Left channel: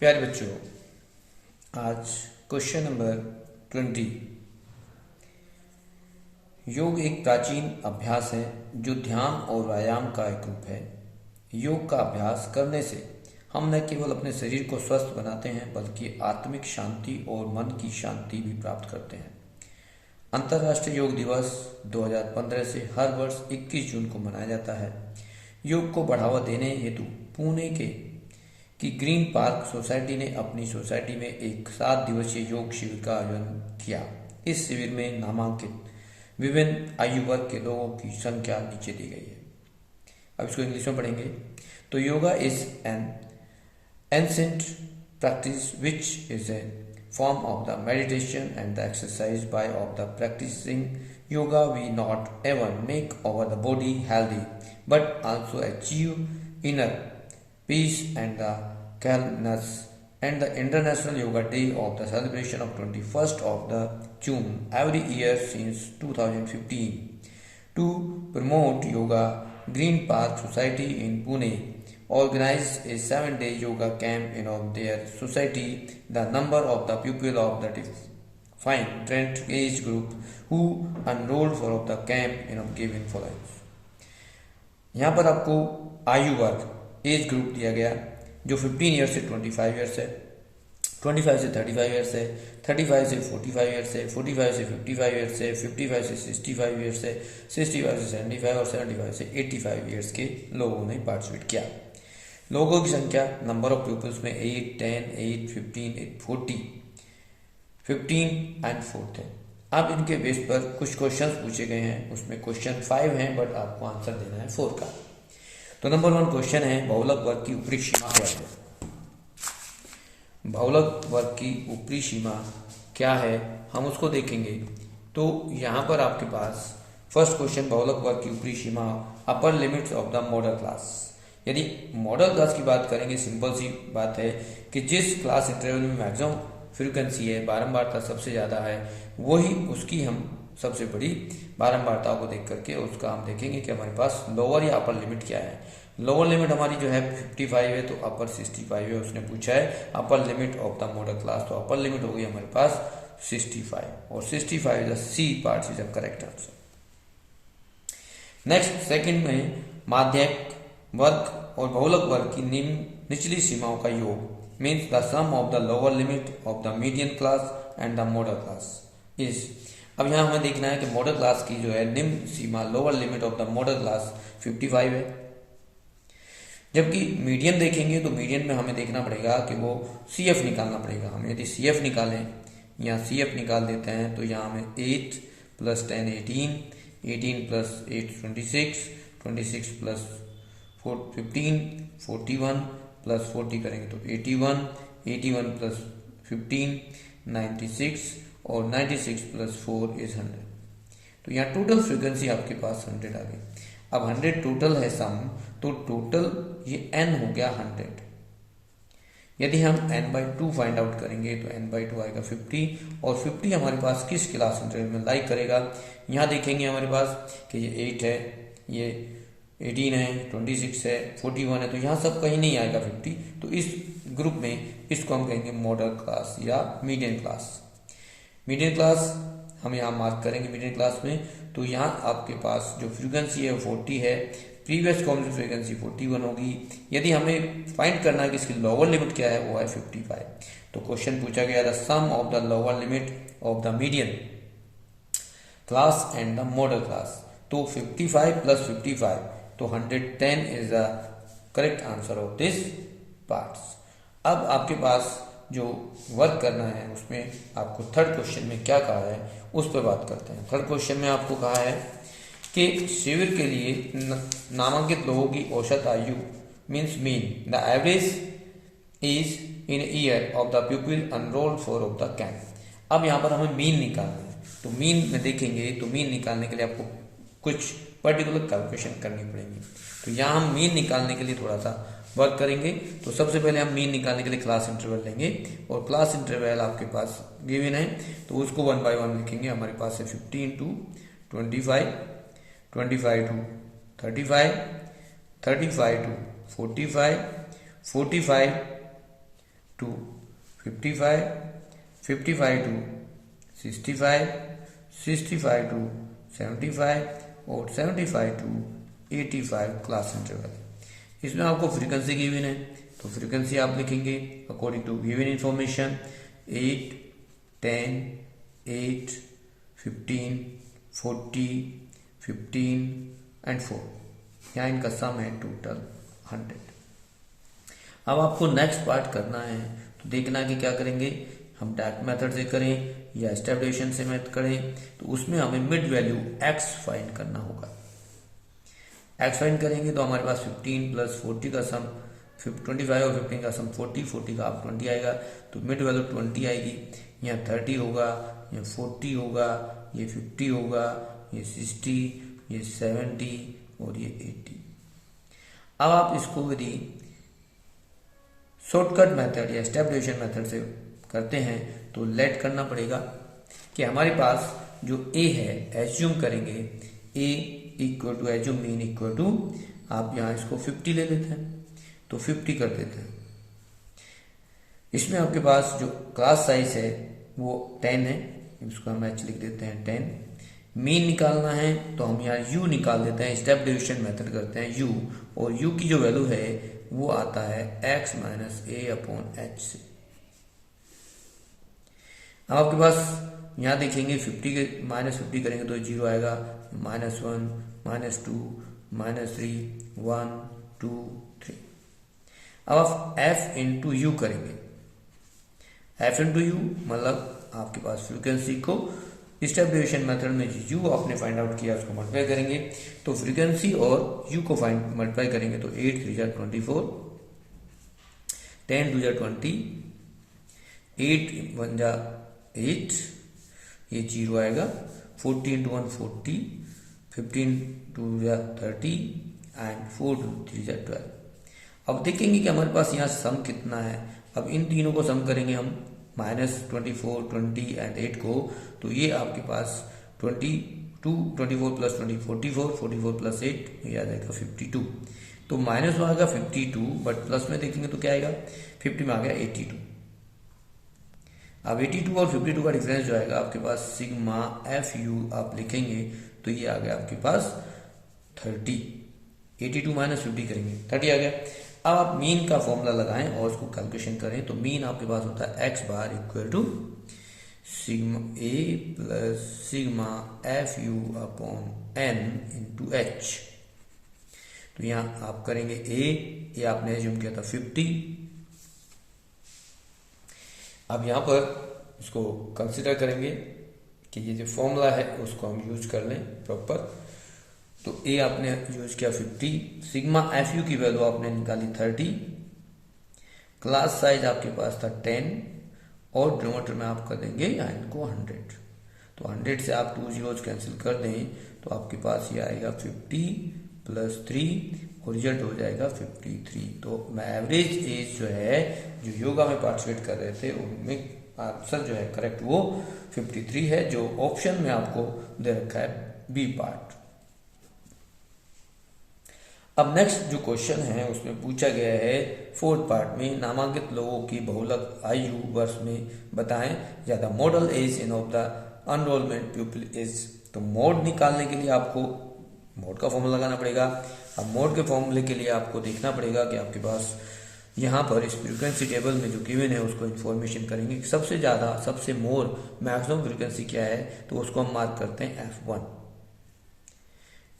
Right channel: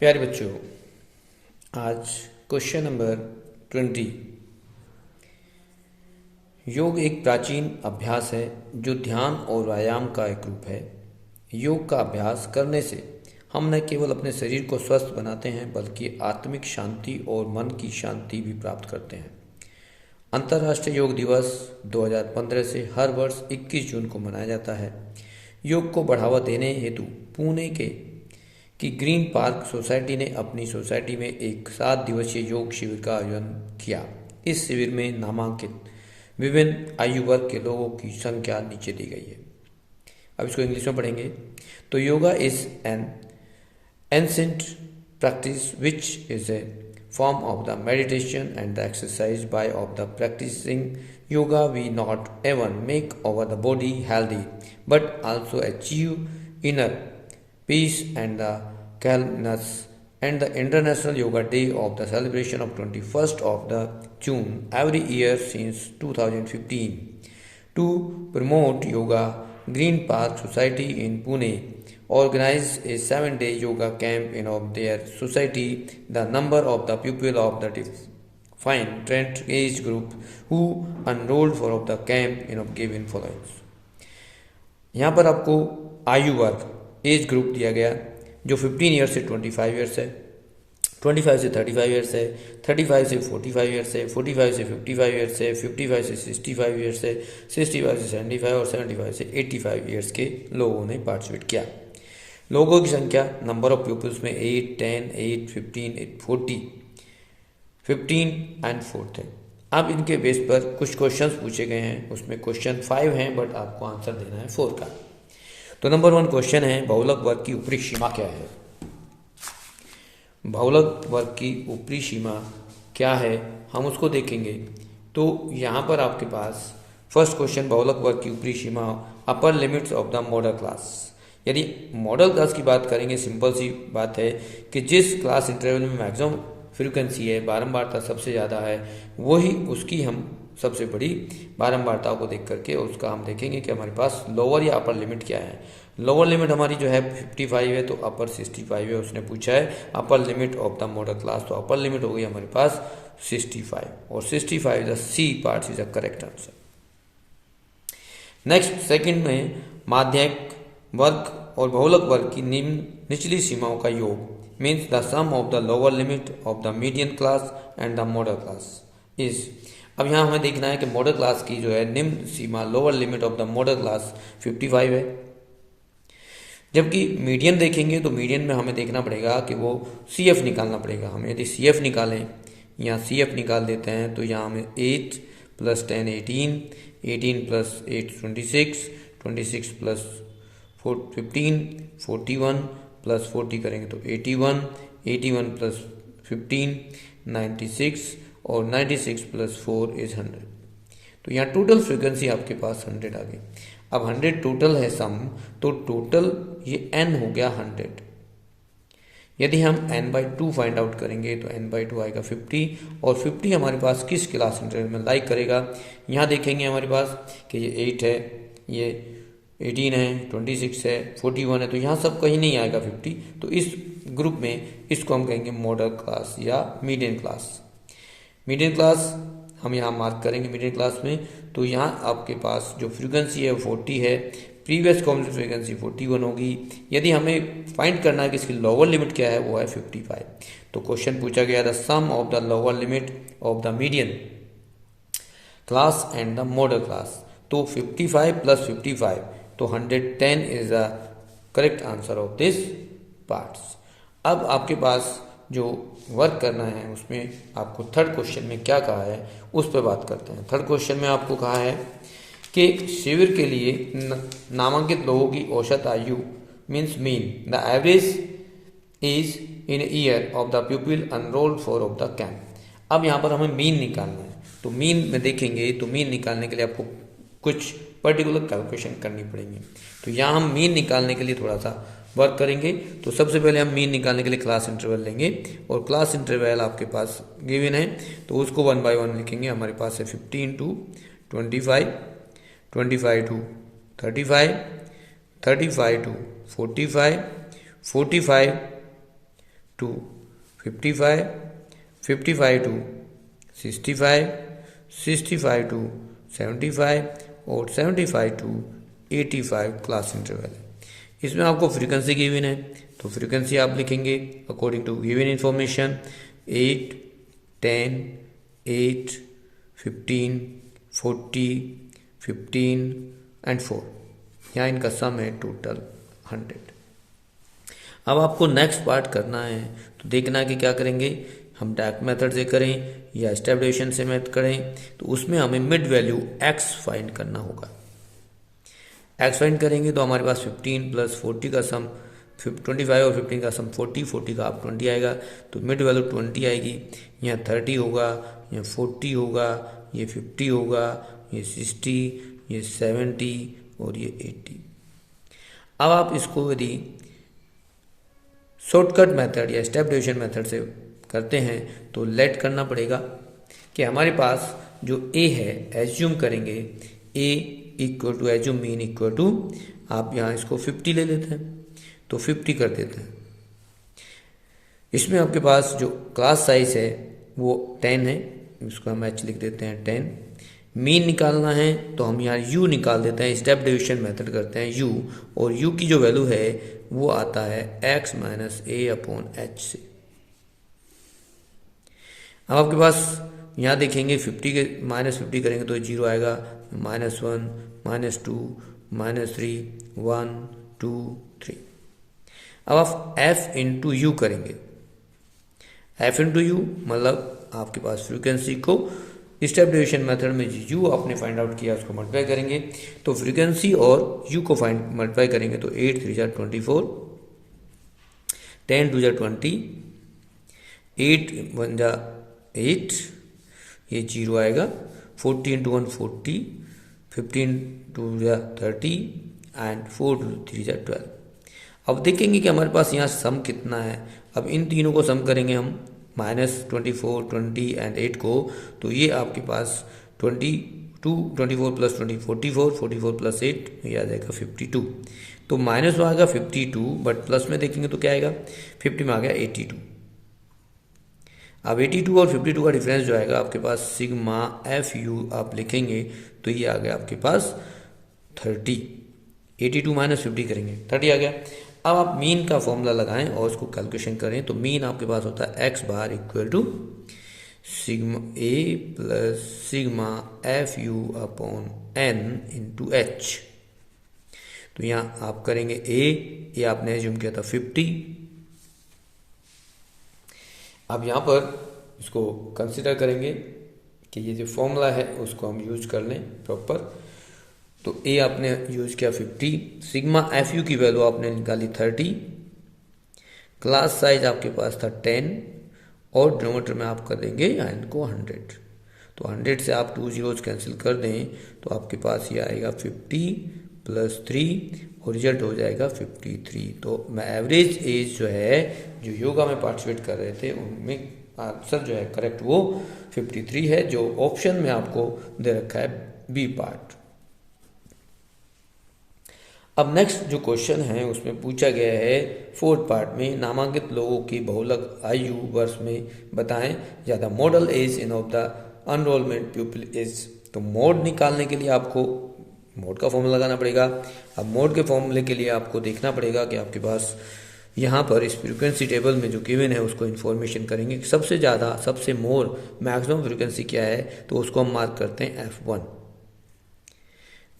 प्यारे बच्चों, आज क्वेश्चन नंबर 20। योग एक प्राचीन अभ्यास है जो ध्यान और व्यायाम का एक रूप है। योग का अभ्यास करने से हम न केवल अपने शरीर को स्वस्थ बनाते हैं बल्कि आत्मिक शांति और मन की शांति भी प्राप्त करते हैं। अंतर्राष्ट्रीय योग दिवस 2015 से हर वर्ष 21 जून को मनाया जाता है। योग को बढ़ावा देने हेतु पुणे की ग्रीन पार्क सोसाइटी ने अपनी सोसाइटी में एक 7 दिवसीय योग शिविर का आयोजन किया। इस शिविर में नामांकित विभिन्न आयु वर्ग के लोगों की संख्या नीचे दी गई है। अब इसको इंग्लिश में पढ़ेंगे। तो yoga is an ancient practice which is a form of the meditation and the exercise by of the practicing yoga we not even make our the body healthy but also achieve inner peace and the calmness. And the International Yoga Day of the celebration of 21st of the June every year since 2015 to promote yoga. Green Park Society in Pune organized a 7-day yoga camp in of their society. The number of the people of the defined age group who enrolled for of the camp in of given follows. यहाँ पर आपको आयु वर्ग age group दिया गया जो 15 year से 25 years है, 25 से 35 ईयर्स है, 35 से 45 ईयर्स है, 45 से 55 ईयर्स है, 55 से 65 ईयर्स है, 65 से 75 और 75 से 85 ईयर्स के लोगों ने पार्टिसिपेट किया। लोगों की संख्या नंबर ऑफ पीपल्स में 8, 10, 8, 15, 40, 15 एंड 4 थे। अब इनके बेस पर कुछ क्वेश्चंस पूछे गए हैं। उसमें क्वेश्चन 5 हैं बट आपको आंसर देना है 4 का। तो नंबर 1 क्वेश्चन है, बहुलक वर्ग की ऊपरी सीमा क्या है? बहुलक वर्ग की ऊपरी सीमा क्या है, हम उसको देखेंगे। तो यहाँ पर आपके पास फर्स्ट क्वेश्चन, बहुलक वर्ग की ऊपरी सीमा upper limits of the modal class. यदि मॉडल क्लास की बात करेंगे, सिंपल सी बात है कि जिस क्लास इंटरवल में मैक्सिमम फ्रीक्वेंसी है, बारंबारता सबसे ज़्यादा है, वही उसकी हम सबसे बड़ी बारंबारता को देख करके उसका हम देखेंगे कि हमारे पास लोअर या अपर लिमिट क्या है। लोअर लिमिट हमारी जो है 55 है, तो अपर 65 है। उसने पूछा है upper limit of the modal class, तो अपर लिमिट हो गई हमारे पास 65 और 65 the C part is the correct answer. Next second में माध्यक वर्ग और बहुलक वर्ग की निचली सीमाओं का योग means the sum of the lower limit of the median class and the modal class is. अब यहाँ हमें देखना है कि मॉडल क्लास की जो है निम्न सीमा, lower limit of the modal class 55 है, जबकि मीडियन देखेंगे तो मीडियन में हमें देखना पड़ेगा कि वो CF निकालना पड़ेगा। हम यदि CF निकालें, यहाँ CF निकाल देते हैं तो यहाँ हमें 8 + 10 18, 18 + 8 26, 26 + 15 41 + 40 करेंगे तो 81, 81 + 15 96 और 96 + 4 इज 100। तो यहाँ टोटल फ्रीक्वेंसी आपके पास 100 आ गई। अब 100 टोटल है सम, तो टोटल ये n हो गया 100। यदि हम n/2 फाइंड आउट करेंगे तो n/2 आएगा 50 और 50 हमारे पास किस क्लास इंटरवल में लाइक करेगा। यहाँ देखेंगे हमारे पास कि ये 8 है, ये 18 है, 26 है, 41 है, तो यहाँ सब कहीं नहीं आएगा 50। तो इस ग्रुप में इसको हम कहेंगे मॉडल क्लास या मीडियन क्लास। मीडियन क्लास हम यहाँ मार्क करेंगे मीडियन क्लास में। तो यहाँ आपके पास जो फ्रीक्वेंसी है 40 है, प्रीवियस कॉमन फ्रीक्वेंसी 41 होगी। यदि हमें फाइंड करना है कि इसकी लोअर लिमिट क्या है, वो है 55। तो क्वेश्चन पूछा गया the sum of the lower limit of the median class and the modal class. तो 55 + 55 तो 110 is the correct answer of this parts. अब आपके पास जो वर्क करना है उसमें आपको थर्ड क्वेश्चन में क्या कहा है उस पर बात करते हैं। थर्ड क्वेश्चन में आपको कहा है कि शिविर के लिए नामांकित लोगों की औसत आयु means mean the average is in year of the people enrolled for of the camp. अब यहाँ पर हमें मीन निकालना है। तो मीन में देखेंगे तो मीन निकालने के लिए आपको कुछ पर्टिकुलर कैलकुलेशन करनी पड़ेगी। तो यहाँ हम मीन निकालने के लिए थोड़ा सा वर्क करेंगे। तो सबसे पहले हम मीन निकालने के लिए क्लास इंटरवल लेंगे और क्लास इंटरवल आपके पास गिवन है तो उसको 1 by 1 लिखेंगे। हमारे पास है 15 to 25, 25 to 35, 35 to 45, 45 to 55, 55 to 65, 65 to 75 और 75 टू 85 क्लास इंटरवल है। इसमें आपको फ्रीक्वेंसी गिवन है, तो फ्रीक्वेंसी आप लिखेंगे according to given information 8, 10, 8, 15, 40, 15 and 4। यहाँ इनका सम है टोटल 100। अब आपको नेक्स्ट पार्ट करना है, तो देखना है कि क्या करेंगे, हम डैक मेथड से करें या एस्टेब्लिशन से मेथड करें। तो उसमें हमें मिड वैल्यू x फाइंड करना होगा। x फाइंड करेंगे तो हमारे पास 15 प्लस 40 का सम 25 और 15 का सम 40, 40 का आप 20 आएगा, तो मिड वैल्यू 20 आएगी। यहाँ 30 होगा, यहाँ 40 होगा, ये 50 होगा, ये 60, ये 70 और ये 80। अब आप इसको यदि शॉर्टकट मेथड या एस्टेब्लिशन मेथड से करते हैं तो लेट करना पड़ेगा कि हमारे पास जो a है, एज्यूम करेंगे a equal to assume mean equal to, आप यहाँ इसको 50 ले लेते हैं तो 50 कर देते हैं। इसमें आपके पास जो क्लास साइज है वो 10 है, उसको हम h लिख देते हैं 10। मीन निकालना है तो हम यहाँ u निकाल देते हैं, स्टेप डिवीजन मेथड करते हैं u, और u की जो वैल्यू है वो आता है x minus a upon h से। अब आपके पास यहाँ देखेंगे 50 के -50 करेंगे तो 0 आएगा, -1, -2, -3, 1, 2, 3। अब आप f इंटू यू करेंगे, f इंटू यू मतलब आपके पास फ्रीक्वेंसी को स्टेबलाइजेशन मेथड में u आपने फाइंड आउट किया उसको मल्टीप्लाई करेंगे, तो फ्रीक्वेंसी और u को फाइंड मल्टीप्लाई करेंगे तो 8 3 जा 24, 10 2 जा 20, 8 1 जा 8, ये 0 आएगा, 40 इंटू 1 40, 15 2 जा 30 एंड 4 3 जा 12। अब देखेंगे कि हमारे पास यहाँ सम कितना है। अब इन तीनों को सम करेंगे हम, -24, 20 एंड 8 को, तो ये आपके पास 22, 24 प्लस 20 44, 44 प्लस 8 ये आ जाएगा 52। तो माइनस में आ गया 52, बट प्लस में देखेंगे तो क्या आएगा, 50 में आ गया 82। अब 82 और 52 का डिफरेंस जो आएगा आपके पास सिग्मा एफ यू आप लिखेंगे तो ये आ गया आपके पास 30। 82 माइनस 50 करेंगे 30 आ गया। अब आप मीन का फॉर्मूला लगाएं और उसको कैलकुलेशन करें, तो मीन आपके पास होता है x bar equal to sigma a plus sigma f u upon n into h. तो यहाँ आप करेंगे ये आपने एज्यूम किया था 50। अब यहाँ पर इसको कंसिडर करेंगे कि ये जो फॉर्मूला है उसको हम यूज कर लें प्रॉपर। तो ए आपने यूज किया 50, सिग्मा एफ यू की वैल्यू आपने निकाली 30, क्लास साइज आपके पास था 10 और डिनोमिनेटर में आप कर देंगे इनको 100। तो 100 से आप 2 जीरोज कैंसिल कर दें तो आपके पास ये आएगा 50 प्लस 3 और रिजल्ट हो जाएगा 53। तो मैं एवरेज एज जो है जो योगा में पार्टिसिपेट कर रहे थे उनमें आंसर जो है करेक्ट वो 53 है, जो ऑप्शन में आपको दे रखा है बी पार्ट। अब नेक्स्ट जो क्वेश्चन है उसमें पूछा गया है 4th पार्ट में, नामांकित लोगों की बहुलक आयु वर्ष में बताएं या the modal age in of the enrollment people is. तो मोड निकालने के लिए आपको मोड का फॉर्मूला लगाना पड़ेगा। अब मोड के फॉर्मूले के लिए आपको देखना पड़ेगा कि आपके पास यहाँ पर इस फ्रीक्वेंसी टेबल में जो गिवन है उसको इन्फॉर्मेशन करेंगे, सबसे ज़्यादा सबसे मोर मैक्सिमम फ्रीक्वेंसी क्या है तो उसको हम मार्क करते हैं F1।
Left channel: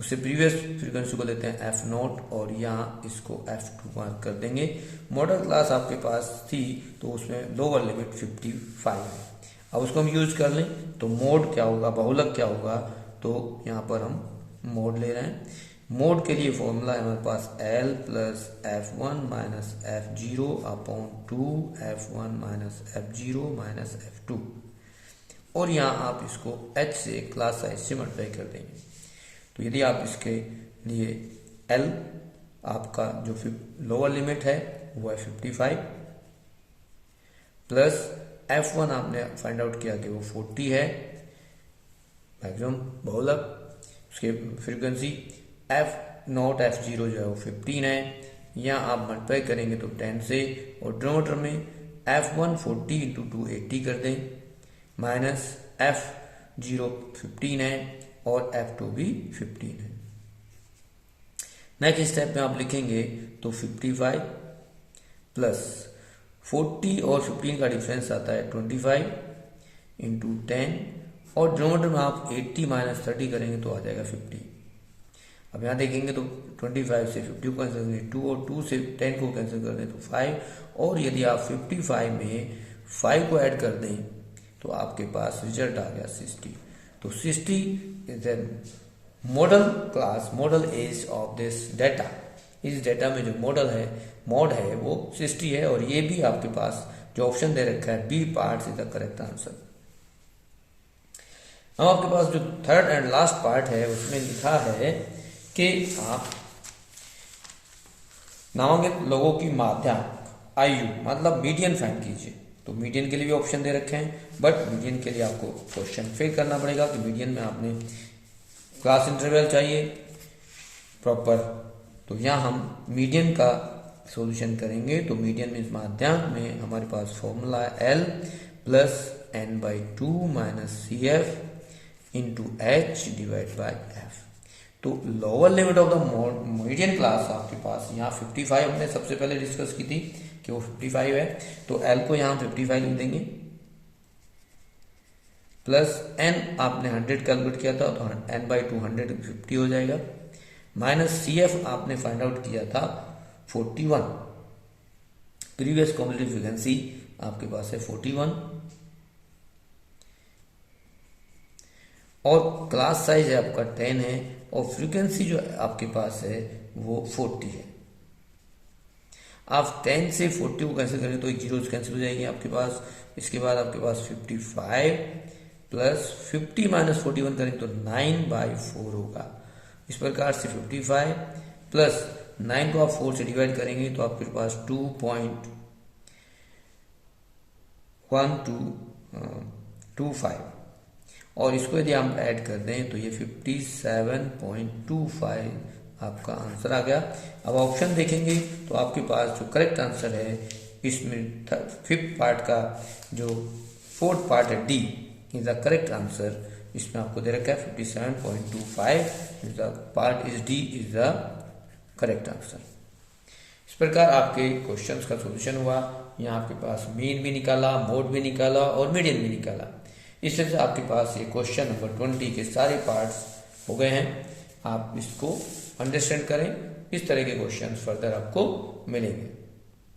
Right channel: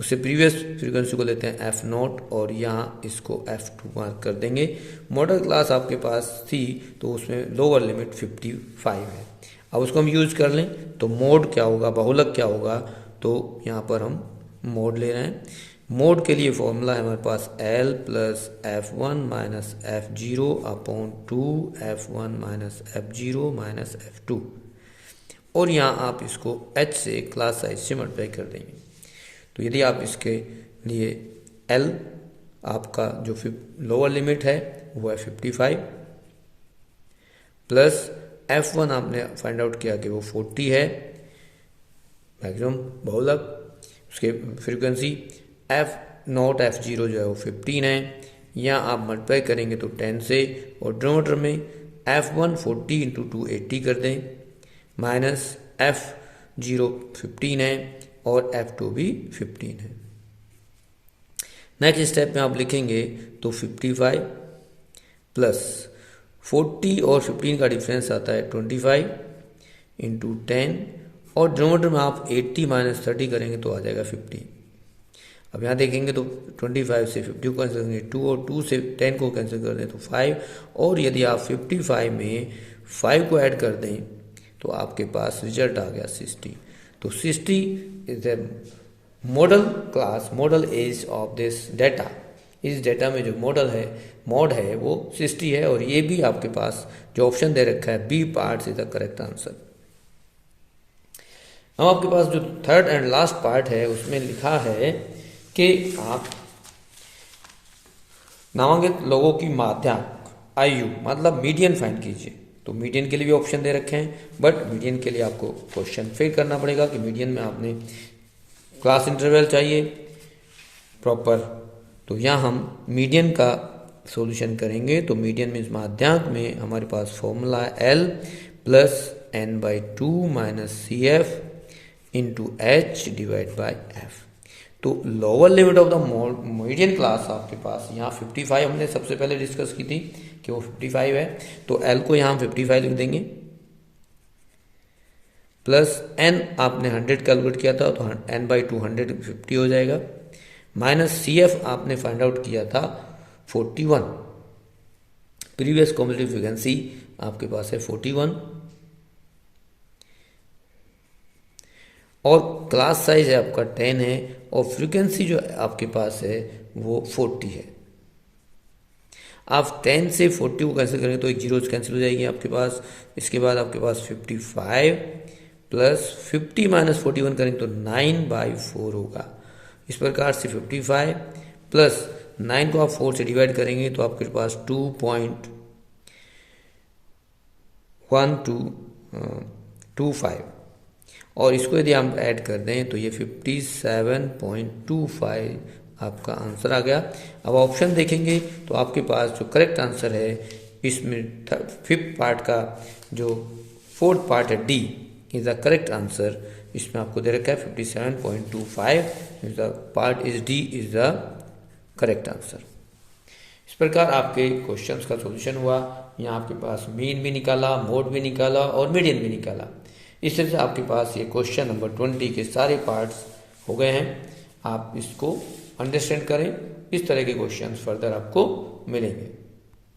उससे प्रीवियस फ्रीक्वेंसी को लेते हैं F0 और यहाँ इसको F2 मार्क कर देंगे। मॉडल क्लास आपके पास थी तो उसमें लोअर लिमिट 55 है। अब उसको हम यूज कर लें तो मोड क्या होगा, बहुलक क्या होगा, तो यहाँ पर हम मोड ले रहे हैं। मोड के लिए फॉर्मूला है हमारे पास L plus F1 minus F0 upon 2 F1 minus F0 minus F2, और यहाँ आप इसको H से क्लास साइज से मल्टीप्लाई कर देंगे। तो यदि आप इसके लिए L आपका जो लोअर लिमिट है वो है 55 प्लस F1 आपने फाइंड आउट किया कि वो 40 है मैक्सिमम बहुलक, उसके फ्रीक्वेंसी F0 F0 जो है वो 15 है। यहाँ आप मल्टीप्लाई करेंगे तो 10 से और डिनोमिनेटर में F1 40 इंटू 2 80 कर दें, माइनस F0 15 है और F2 भी 15 है। नेक्स्ट स्टेप में आप लिखेंगे तो 55 प्लस 40 और 15 का डिफरेंस आता है 25 इंटू 10, और डिनोमिनेटर में आप 80 माइनस 30 करेंगे तो आ जाएगा 50। अब यहाँ देखेंगे तो 25 से 50 को कैंसिल करेंगे 2, और 2 से 10 को कैंसिल कर दें तो 5, और यदि आप 55 में 5 को ऐड कर दें तो आपके पास रिजल्ट आ गया 60। तो 60 is the modal as of this data. इस डाटा में जो मोड है वो 60 है, और ये भी आपके पास जो ऑप्शन दे रखा है B part is the correct answer. अब आपके पास जो थर्ड एंड लास्ट पार्ट है उसमें लिखा है कि आप नामांकित लोगों की माध्याक आयु मतलब मीडियन फाइंड कीजिए। तो मीडियन के लिए भी ऑप्शन दे रखे हैं, बट मीडियन के लिए आपको क्वेश्चन फिल करना पड़ेगा कि मीडियन में आपने क्लास इंटरवल चाहिए प्रॉपर। तो यहाँ हम मीडियन का सॉल्यूशन करेंगे। तो मीडियन में माध्याक में हमारे पास formula L plus n/2 minus CF into H divide by F। तो lower limit of the median class आपके पास यहाँ 55 हमने सबसे पहले डिस्कस की थी कि वो 55 है, तो L को यहाँ 55 लिख देंगे, प्लस N आपने 100 कैलकुलेट किया था तो n/2 150 हो जाएगा, माइनस CF आपने फाइंड आउट किया था 41, प्रीवियस कॉम्पिटिटिव फ्रीक्वेंसी आपके पास है 41, और क्लास साइज है आपका 10 है, और फ्रीक्वेंसी जो आपके पास है वो 40 है। आप 10 से 40 को कैंसिल करेंगे तो एक जीरो कैंसिल हो जाएगी आपके पास। इसके बाद आपके पास 55 प्लस 50 माइनस 41 करेंगे तो 9/4 होगा। इस प्रकार से 55 प्लस 9 को आप 4 से डिवाइड करेंगे तो आपके पास 2.1225, और इसको यदि हम ऐड कर दें तो ये 57.25 आपका आंसर आ गया। अब ऑप्शन देखेंगे तो आपके पास जो करेक्ट आंसर है इसमें फिफ्थ पार्ट का जो फोर्थ पार्ट है D is the correct answer. इसमें आपको दे रखा है 57.25 is the part is D is the correct answer. इस प्रकार आपके क्वेश्चंस का सॉल्यूशन हुआ। यहाँ आपके पास मीन भी निकाला, मोड भी निकाला और मीडियन भी निकाला। इस तरह से आपके पास ये क्वेश्चन नंबर 20 के सारे पार्ट्स हो गए हैं। आप इसको अंडरस्टैंड करें, इस तरह के क्वेश्चंस फर्दर आपको मिलेंगे।